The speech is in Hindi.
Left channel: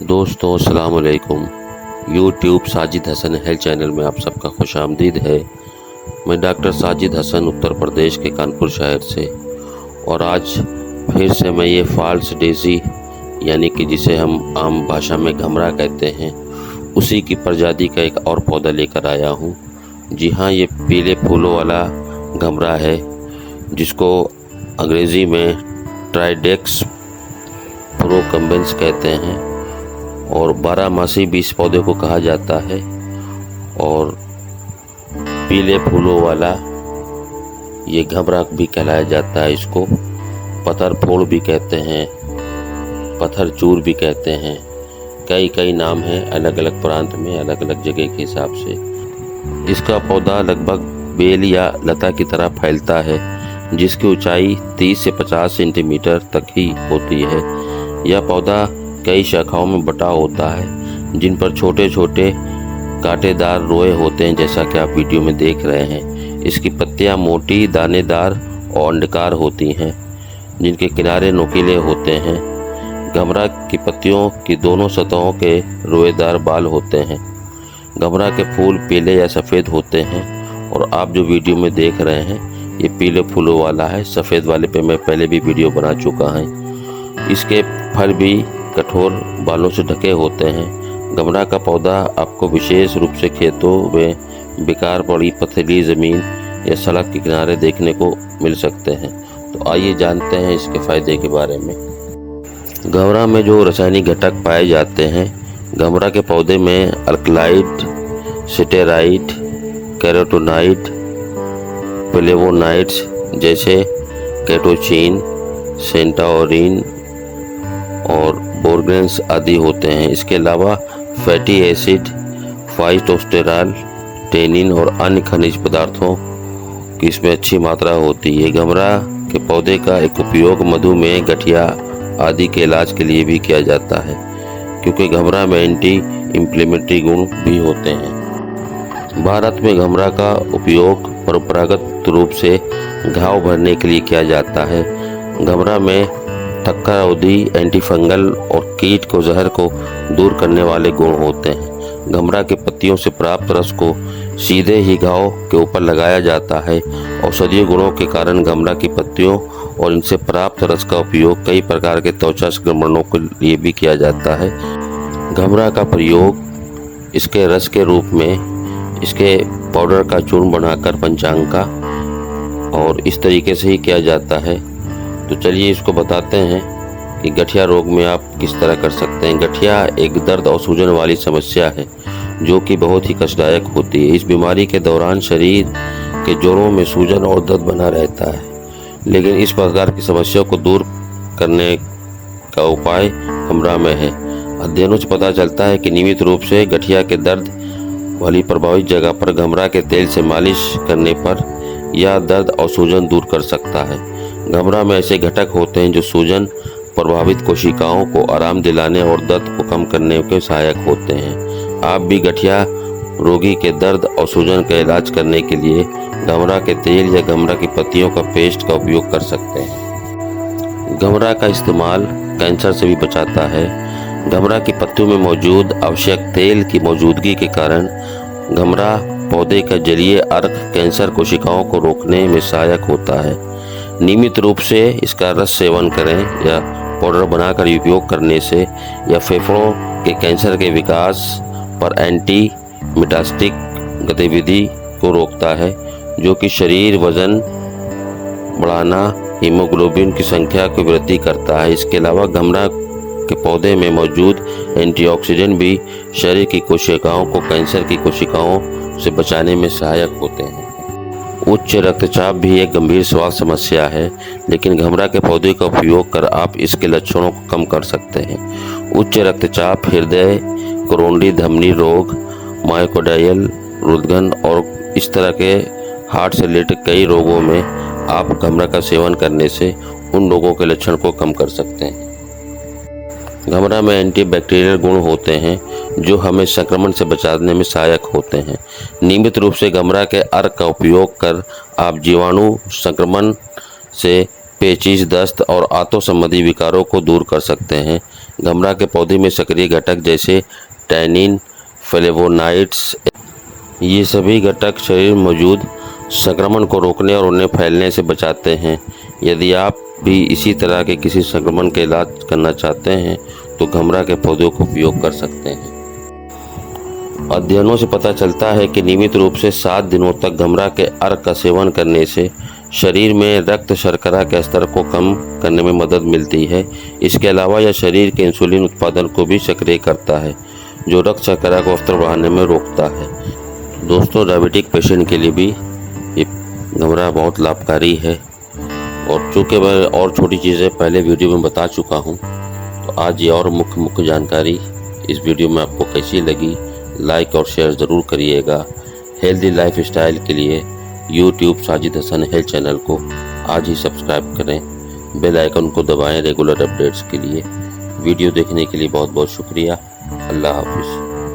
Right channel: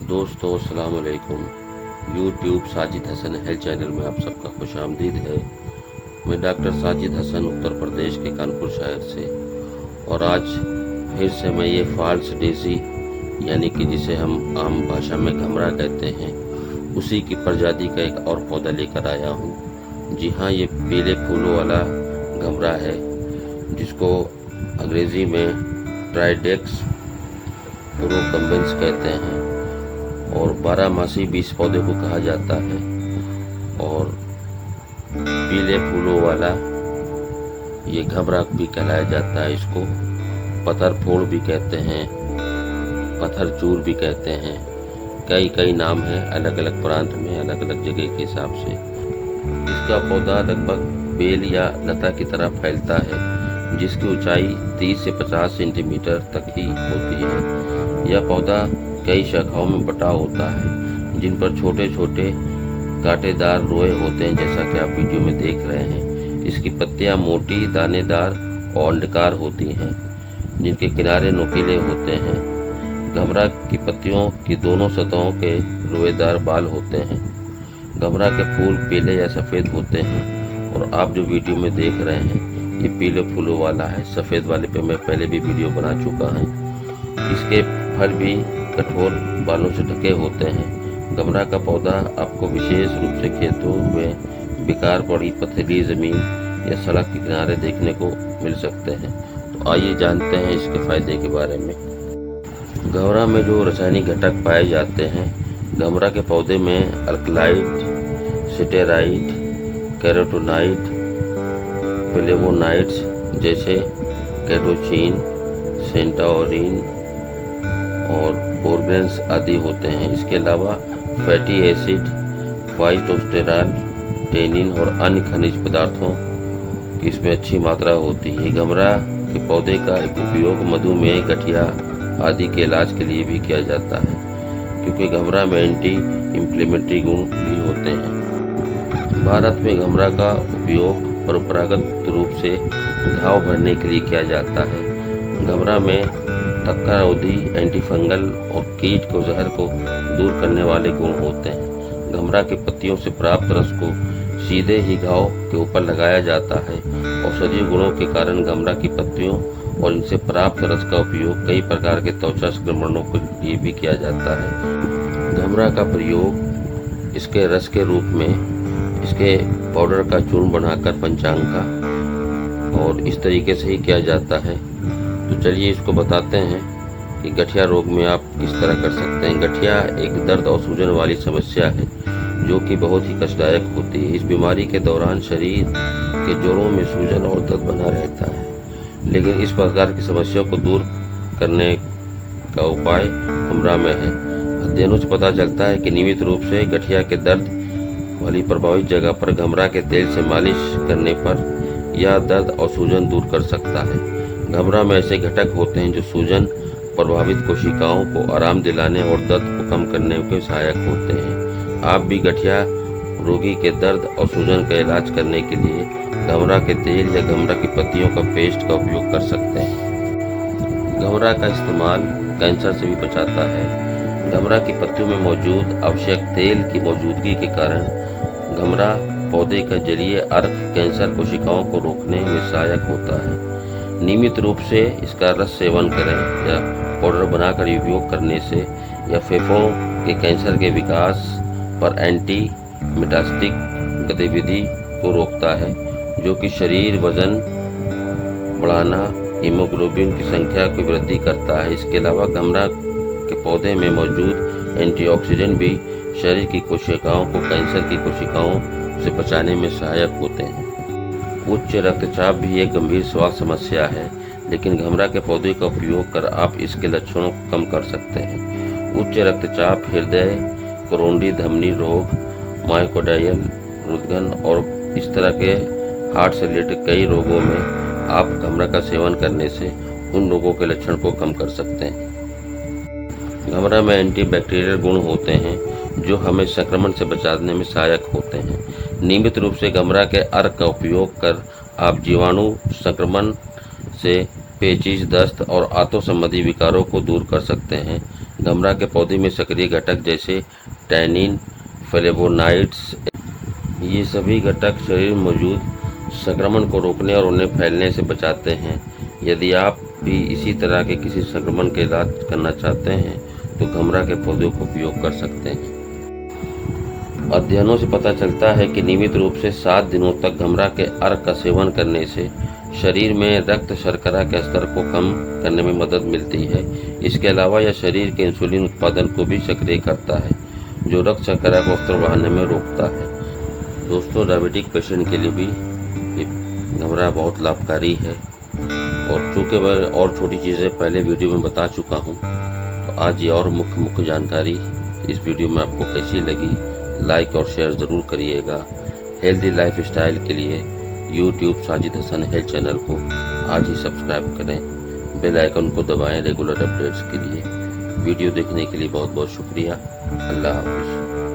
दोस्तों अस्सलाम वालेकुम। YouTube Sajid Hasan health channel में आप सबका खुशामदीद है। मैं डॉक्टर साजिद हसन उत्तर प्रदेश के कानपुर शहर से, और आज फिर से मैं ये फॉल्स डेज़ी यानी कि जिसे हम आम भाषा में घमरा कहते हैं, उसी की प्रजाति का एक और पौधा लेकर आया हूँ। जी हाँ, ये पीले फूलों वाला घमरा है जिसको अंग्रेज़ी में ट्राइडेक्स प्रोकम्बेंस कहते हैं, और 12 मासी भी इस पौधे को कहा जाता है। और पीले फूलों वाला ये घमरा भी कहलाया जाता है। इसको पत्थर फूल भी कहते हैं, पत्थर चूर भी कहते हैं। कई नाम हैं अलग अलग प्रांत में, अलग अलग जगह के हिसाब से। इसका पौधा लगभग बेल या लता की तरह फैलता है, जिसकी ऊंचाई 30 से 50 सेंटीमीटर तक ही होती है। यह पौधा कई शाखाओं में बटा होता है, जिन पर छोटे छोटे कांटेदार रोए होते हैं, जैसा कि आप वीडियो में देख रहे हैं। इसकी पत्तियां मोटी, दानेदार और अंडाकार होती हैं, जिनके किनारे नुकीले होते हैं। घमरा की पत्तियों की दोनों सतहों के रोएदार बाल होते हैं। घमरा के फूल पीले या सफ़ेद होते हैं, और आप जो वीडियो में देख रहे हैं ये पीले फूलों वाला है। सफ़ेद वाले पे मैं पहले भी वीडियो बना चुका है। इसके फल भी कठोर बालों से ढके होते हैं। घमरा का पौधा आपको विशेष रूप से खेतों में बेकार पड़ी पथरीली ज़मीन या सड़क के किनारे देखने को मिल सकते हैं। तो आइए जानते हैं इसके फ़ायदे के बारे में। घमरा में जो रासायनिक घटक पाए जाते हैं, घमरा के पौधे में अल्कलाइड, स्टेराइड, कैरोटीनॉइड, फ्लेवोनॉइड्स जैसे कैटोचिन, सेंटाओरिन और बोरगेन्स आदि होते हैं। इसके अलावा फैटी एसिड, फाइटोस्टेरॉल, टेनिन और अन्य खनिज पदार्थों की इसमें अच्छी मात्रा होती है। घमरा के पौधे का एक उपयोग मधुमेह, गठिया आदि के इलाज के लिए भी किया जाता है, क्योंकि घमरा में एंटी इंफ्लेमेटरी गुण भी होते हैं। भारत में घमरा का उपयोग परंपरागत रूप से घाव भरने के लिए किया जाता है। घमरा में थक्का अवधि, एंटीफंगल और कीट को जहर को दूर करने वाले गुण होते हैं। घमरा के पत्तियों से प्राप्त रस को सीधे ही घाव के ऊपर लगाया जाता है। औषधीय गुणों के कारण घमरा की पत्तियों और इनसे प्राप्त रस का उपयोग कई प्रकार के त्वचा संक्रमणों के लिए भी किया जाता है। घमरा का प्रयोग इसके रस के रूप में, इसके पाउडर का चूर्ण बनाकर पंचांग का, और इस तरीके से ही किया जाता है। तो चलिए इसको बताते हैं कि गठिया रोग में आप किस तरह कर सकते हैं। गठिया एक दर्द और सूजन वाली समस्या है जो कि बहुत ही कष्टदायक होती है। इस बीमारी के दौरान शरीर के जोड़ों में सूजन और दर्द बना रहता है, लेकिन इस प्रकार की समस्या को दूर करने का उपाय घमरा में है। अध्ययनों से पता चलता है कि नियमित रूप से गठिया के दर्द वाली प्रभावित जगह पर घमरा के तेल से मालिश करने पर यह दर्द और सूजन दूर कर सकता है। घमरा में ऐसे घटक होते हैं जो सूजन प्रभावित कोशिकाओं को आराम दिलाने और दर्द को कम करने के सहायक होते हैं। आप भी गठिया रोगी के दर्द और सूजन का इलाज करने के लिए घमरा के तेल या घमरा की पत्तियों का पेस्ट का उपयोग कर सकते हैं। घमरा का इस्तेमाल कैंसर से भी बचाता है। घमरा की पत्तियों में मौजूद आवश्यक तेल की मौजूदगी के कारण घमरा पौधे का जलीय अर्क कैंसर कोशिकाओं को रोकने में सहायक होता है। नियमित रूप से इसका रस सेवन करें या पाउडर बनाकर उपयोग करने से यह फेफड़ों के कैंसर के विकास पर एंटी मेटास्टिक गतिविधि को रोकता है, जो कि शरीर वजन बढ़ाना, हीमोग्लोबिन की संख्या की वृद्धि करता है। इसके अलावा घमरा के पौधे में मौजूद एंटीऑक्सीडेंट भी शरीर की कोशिकाओं को कैंसर की कोशिकाओं से बचाने में सहायक होते हैं। उच्च रक्तचाप भी एक गंभीर स्वास्थ्य समस्या है, लेकिन घमरा के पौधे का उपयोग कर आप इसके लक्षणों को कम कर सकते हैं। उच्च रक्तचाप, हृदय, कोरोनरी धमनी रोग, मायोकार्डियल रुदगन और इस तरह के हार्ट से रिलेटेड कई रोगों में आप घमरा का सेवन करने से उन रोगों के लक्षण को कम कर सकते हैं। घमरा में एंटीबैक्टीरियल गुण होते हैं जो हमें संक्रमण से बचाने में सहायक होते हैं। नियमित रूप से घमरा के अर्क का उपयोग कर आप जीवाणु संक्रमण से पेचिश, दस्त और आंतों संबंधी विकारों को दूर कर सकते हैं। गमरा के पौधे में सक्रिय घटक जैसे टैनिन, फ्लेवोनाइड्स, ये सभी घटक शरीर में मौजूद संक्रमण को रोकने और उन्हें फैलने से बचाते हैं। यदि आप भी इसी तरह के किसी संक्रमण के इलाज करना चाहते हैं तो गमरा के पौधों का उपयोग कर सकते हैं। अध्ययनों से पता चलता है कि नियमित रूप से 7 दिनों तक गमरा के अर्क का सेवन करने से शरीर में रक्त शर्करा के स्तर को कम करने में मदद मिलती है। इसके अलावा यह शरीर के इंसुलिन उत्पादन को भी सक्रिय करता है, जो रक्त शर्करा को स्तर बढ़ाने में रोकता है। दोस्तों, डायबिटिक पेशेंट के लिए भी ये गमरा बहुत लाभकारी है। और चूँकि मैं और छोटी चीज़ें पहले वीडियो में बता चुका हूँ, तो आज ये और मुख्य जानकारी इस वीडियो में आपको कैसी लगी, लाइक और शेयर ज़रूर करिएगा। हेल्दी लाइफ स्टाइल के लिए YouTube Sajid Hasan health channel को आज ही सब्सक्राइब करें। बेल आइकन को दबाएं रेगुलर अपडेट्स के लिए। वीडियो देखने के लिए बहुत बहुत शुक्रिया। अल्लाह हाफिज़।